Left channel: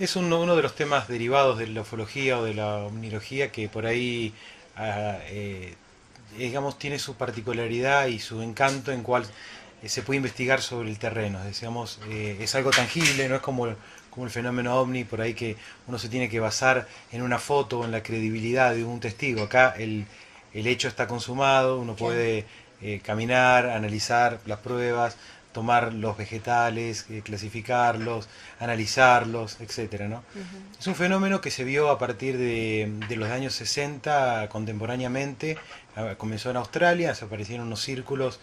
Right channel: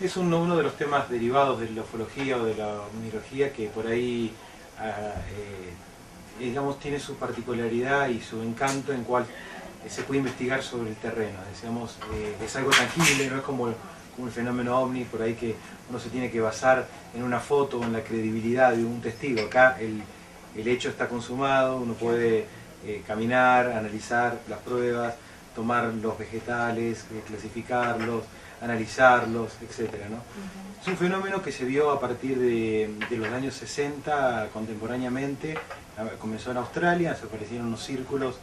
Es uno de los temas derivados de la ufología o de la omnilogía que por ahí, digamos, tiene su particularidad y su encanto en cual se puede investigar sobre el terreno. Digamos, es algo tangible, no es como el fenómeno ovni, por ahí que uno se tiene que basar en una foto o en la credibilidad de un testigo. Acá el hecho está consumado, uno puede caminar, analizar las pruebas, tomar los vegetales, clasificarlos, analizarlos, etcétera, ¿no? Es un fenómeno que se vio a partir de los años 60 contemporáneamente. Comenzó en Australia, se aparecieron unos círculos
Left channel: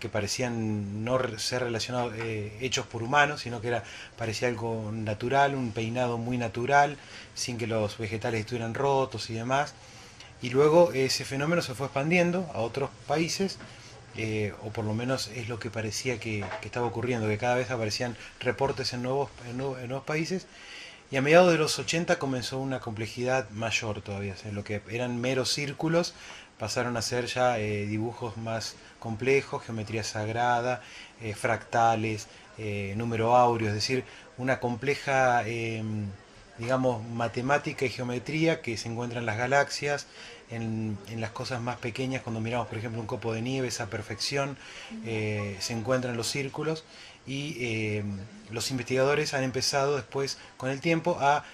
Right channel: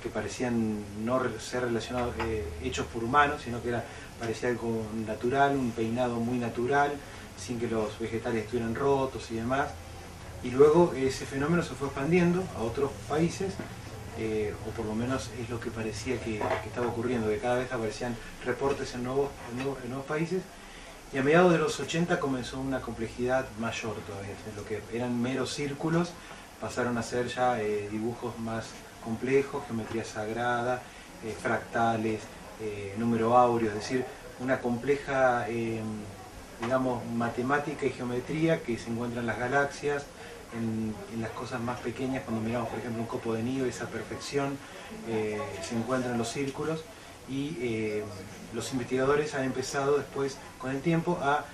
que parecían no ser relacionados, hechos por humanos, sino que parecía algo natural, un peinado muy natural, sin que los vegetales estuvieran rotos y demás. Y luego ese fenómeno se fue expandiendo a otros países, o por lo menos es lo que parecía que estaba ocurriendo, que cada vez aparecían reportes en nuevos países. Y a mediados de los 80 comenzó una complejidad mayor todavía. O sea, lo que eran meros círculos pasaron a ser ya dibujos más complejos, geometría sagrada, fractales, número áureo, es decir, una compleja, digamos, matemática y geometría que se encuentra en las galaxias, en las cosas más pequeñas. Cuando miramos, por ejemplo, un copo de nieve, esa perfección se encuentra en los círculos. Y los investigadores han empezado después, con el tiempo, a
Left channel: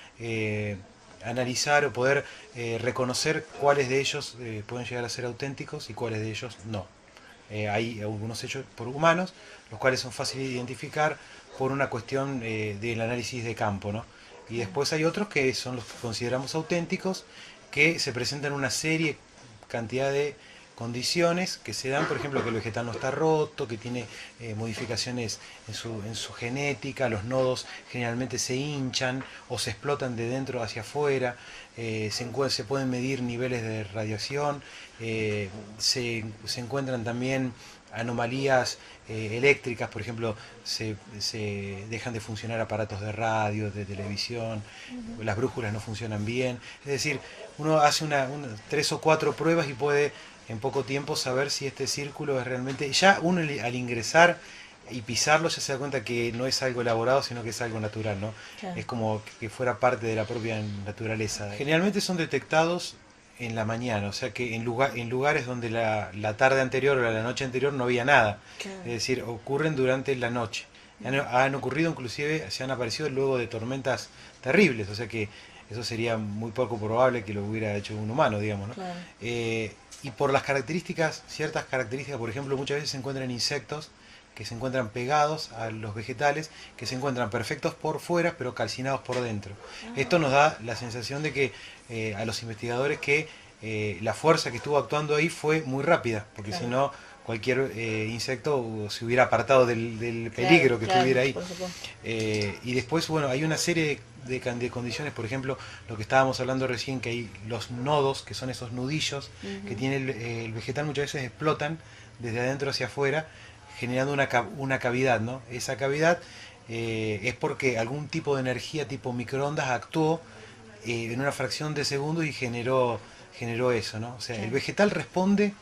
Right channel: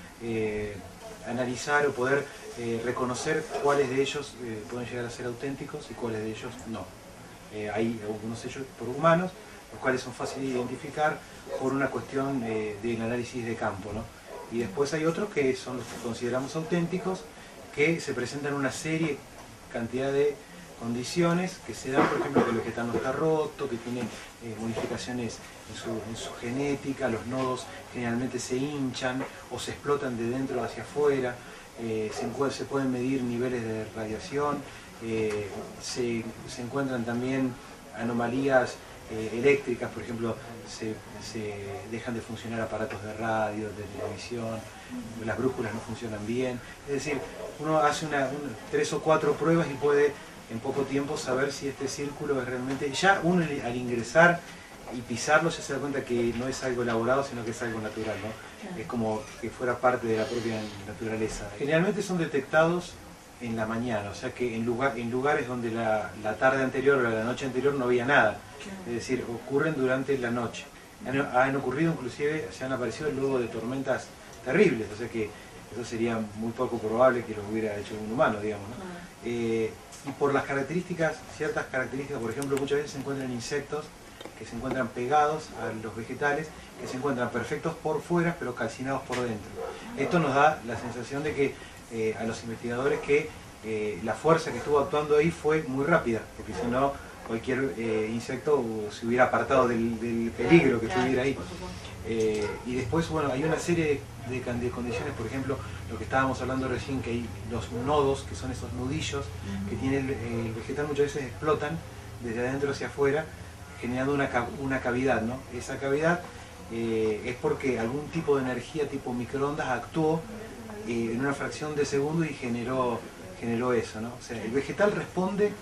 analizar o poder reconocer cuáles de ellos pueden llegar a ser auténticos y cuáles de ellos no. Hay algunos hechos por humanos, los cuales son fáciles de identificar por una cuestión del análisis de campo, ¿no? Y después hay otros que son los que consideramos auténticos, que se presentan una serie, cantidad de condiciones que se dan, por ejemplo, que el vegetal no está roto, que tiene modificaciones en su genética, los nodos generalmente se hinchan o se explotan de dentro hacia afuera, se pueden medir niveles de radiación, se encuentran también anomalías eléctricas, por ejemplo, se dejan de funcionar aparatos de radio, de televisión, las brújulas no funcionan bien, es decir, uno hace 3 o 4 pruebas y puede en poco tiempo saber si este círculo es realmente... Ya uno al ingresar y pisarlo se da cuenta que no es algo elaborado, sino que es algo natural, ¿no? Claro. Es como que fuera parte de la propia naturaleza. Generalmente son detectados en la mañana, o sea que en lugares donde la tarde anterior o la noche anterior no había nada. Claro. Es decir, ocurren durante la noche. Han ocurrido inclusive, se han aparecido luego de tormentas terribles, o sea que eso sería muy poco probable que lo hubiera hecho un humano, digamos, ¿no? Claro. Y por las características, ciertas características, por ejemplo, muchas veces se encuentran insectos que se encuentran pegados a los vegetales, que se encuentran perfectos por fuera, pero calcinados por dentro. Esto nos da la sensación de que a los investigadores que la fuerza que estuvo actuando ahí fue muy rápida, porque claro, si no, cualquier insecto se hubiera apartado del peligro que estuviera ahí. Y después, bueno, hay una serie de condiciones, por ejemplo, lo que estábamos hablando recién, que hay los nodos, que son esos nudillos que tiene el vegetal, muchas veces explotan desde adentro hacia afuera, generando una cavidad, ¿no? Esa cavidad es porque algún tipo de energía tipo microondas actuó en una fracción de segundo y generó eso, ¿no? O sea, el vegetal responde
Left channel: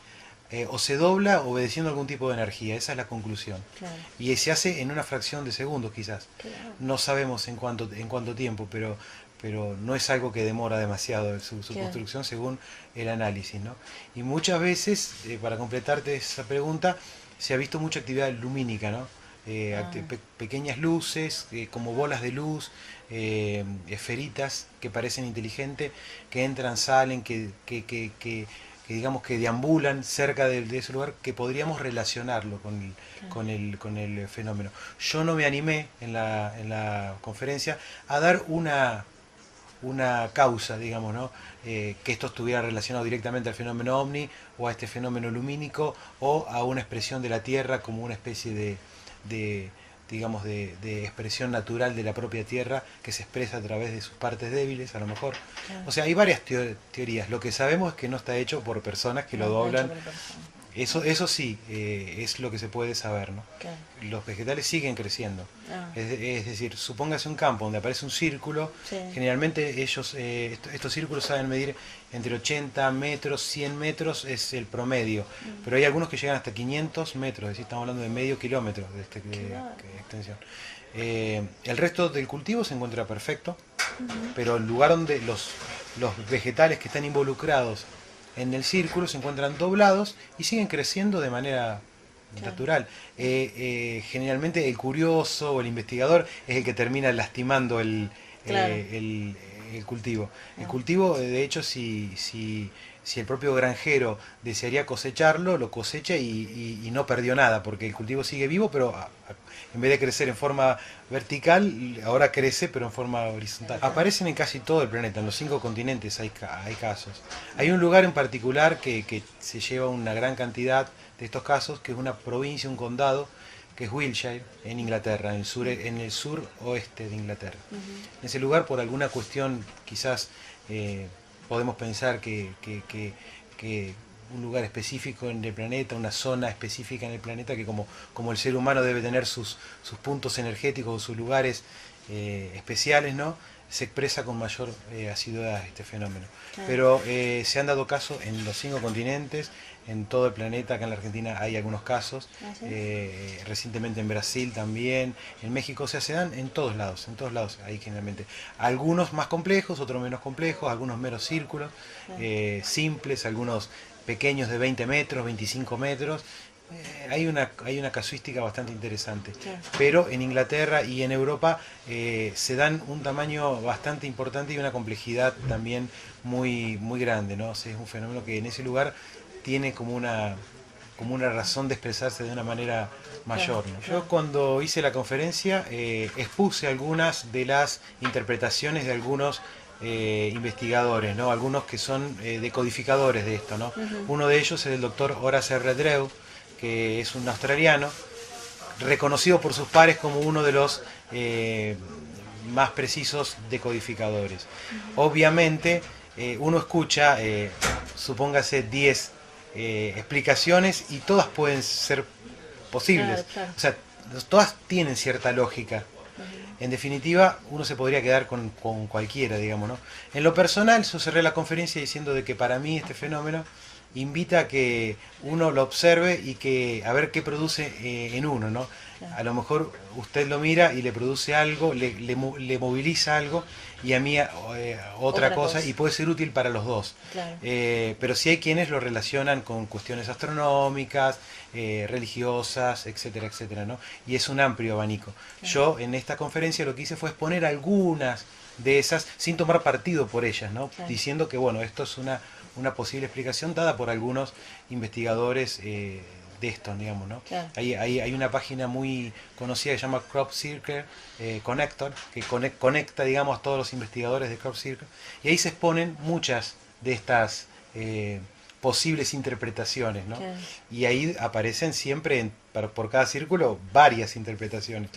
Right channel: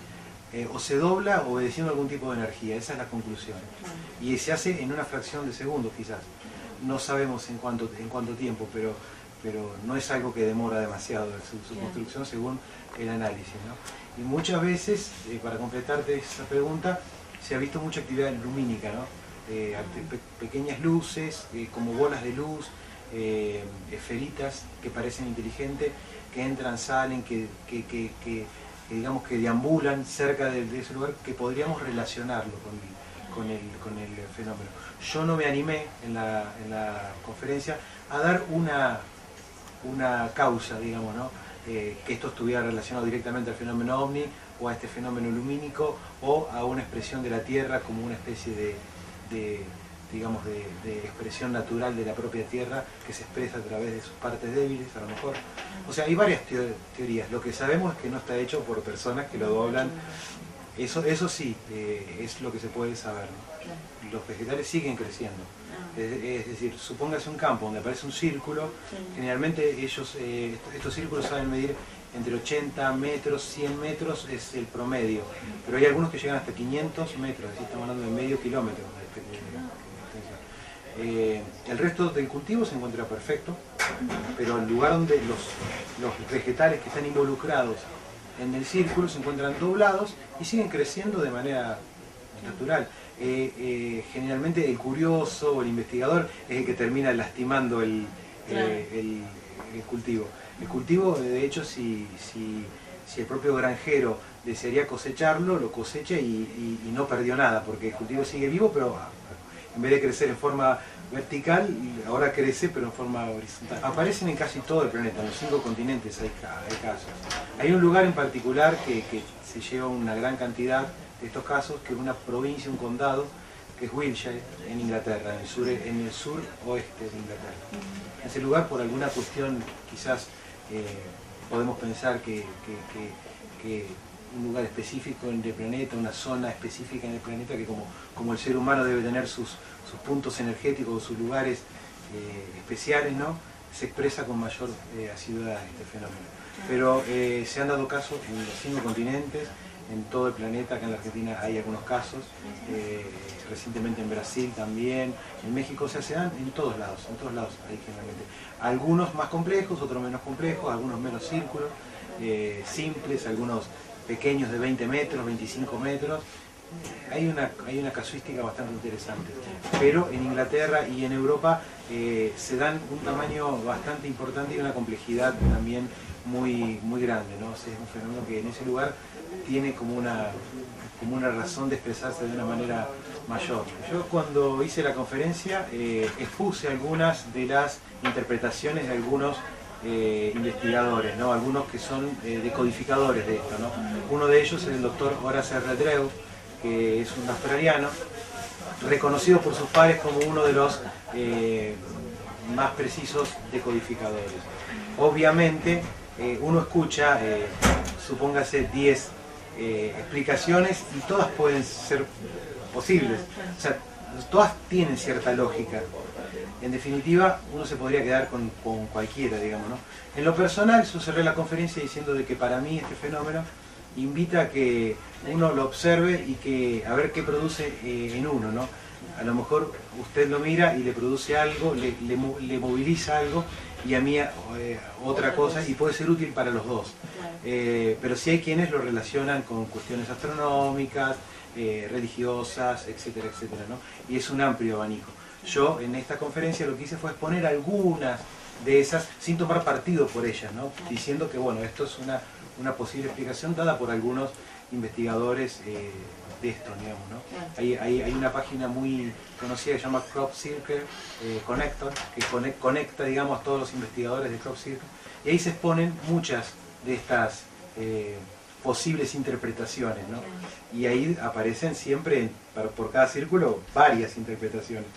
o se dobla obedeciendo algún tipo de energía, esa es la conclusión. Claro. Y se hace en una fracción de segundo quizás. Claro. No sabemos en cuánto tiempo, pero no es algo que demora demasiado su claro, construcción según el análisis, ¿no? Y muchas veces, para completarte esa pregunta, se ha visto mucha actividad lumínica, ¿no? Pequeñas luces, como bolas de luz, esferitas que parecen inteligentes, que entran, salen, que digamos que deambulan cerca de ese lugar, que podríamos relacionarlo con el fenómeno. Yo no me animé en la conferencia a dar una causa, digamos, ¿no? Que esto estuviera relacionado directamente al fenómeno ovni o a este fenómeno lumínico o a una expresión de la Tierra como una especie digamos, de expresión natural de la propia Tierra que se expresa a través de sus partes débiles, a lo mejor. O sea, hay varias teorías. Lo que sabemos es que no está hecho por personas que lo doblan. Eso sí, es lo que se puede saber, ¿no? Claro. Los vegetales siguen creciendo. Es decir, supóngase un campo donde aparece un círculo, sí, generalmente estos círculos saben medir entre 80 metros, 100 metros es el promedio, pero hay algunos que llegan hasta 500 metros, es decir, estamos hablando de medio kilómetro de extensión. El resto del cultivo se encuentra perfecto, pero el lugar donde los vegetales que están involucrados en el círculo se encuentran doblados y siguen creciendo de manera natural. Generalmente el curioso o el investigador es el que termina lastimando el cultivo. El cultivo, de hecho, si el propio granjero desearía cosecharlo, lo cosecha y no perdió nada, porque el cultivo sigue vivo, pero en vez de crecer en forma vertical, ahora crece pero en forma horizontal. Aparecen en casi todo el planeta, en los 5 continentes hay casos. Hay un lugar en particular que se lleva una gran cantidad de estos casos, que es una provincia, un condado, que es Wiltshire, en Inglaterra, en el sur oeste de Inglaterra. En ese lugar, por alguna cuestión, quizás podemos pensar que un lugar específico en el planeta, una zona específica en el planeta, que como el ser humano debe tener sus puntos energéticos, sus lugares especiales, ¿no? Se expresa con mayor asiduidad este fenómeno. Pero se han dado casos en los 5 continentes, en todo el planeta. Acá en la Argentina hay algunos casos, recientemente en Brasil también, en México, o sea, se dan en todos lados hay generalmente. Algunos más complejos, otros menos complejos, algunos menos círculos, simples, algunos pequeños de 20 metros, 25 metros. Hay una casuística bastante interesante, pero en Inglaterra y en Europa se dan un tamaño bastante importante y una complejidad también muy grande, ¿no? O sea, es un fenómeno que en ese lugar tiene como una razón de expresarse de una manera mayor. Yo cuando hice la conferencia expuse algunas de las interpretaciones de algunos investigadores, ¿no? Algunos que son decodificadores de esto, ¿no? Uno de ellos es el doctor Horace Redrew, que es un australiano, reconocido por sus pares como uno de los más precisos decodificadores. Obviamente, uno escucha, supóngase 10 explicaciones y todas pueden ser posibles. O sea, todas tienen cierta lógica. En definitiva, uno se podría quedar con cualquiera, digamos, ¿no? En lo personal, yo cerré la conferencia diciendo de que para mí este fenómeno invita a que uno lo observe y que a ver qué produce en uno, ¿no? A lo mejor usted lo mira y le produce algo, le moviliza algo, y a mí otra cosa, y puede ser útil para los dos. Claro. Pero sí hay quienes lo relacionan con cuestiones astronómicas, religiosas, etcétera, etcétera, ¿no? Y es un amplio abanico. Yo en esta conferencia lo que hice fue exponer algunas de esas sin tomar partido por ellas, ¿no? Diciendo que bueno, esto es una posible explicación dada por algunos investigadores de esto, digamos, ¿no? Hay una página muy conocida que se llama Crop Circle Connector, que conecta, digamos, a todos los investigadores de Crop Circle, y ahí se exponen muchas de estas posibles interpretaciones, ¿no? Y ahí aparecen siempre, por cada círculo, varias interpretaciones.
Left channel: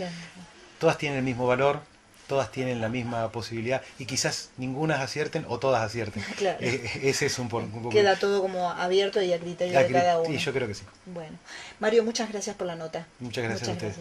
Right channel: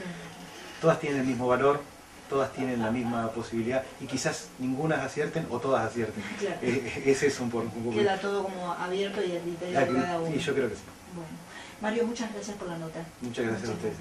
Todas tienen el mismo valor, todas tienen la misma posibilidad, y quizás ninguna acierten o todas acierten. Ese es un poco... Queda todo como abierto y a criterio de cada uno. Sí, yo creo que sí. Bueno, Mario, muchas gracias por la nota. Muchas gracias a ustedes.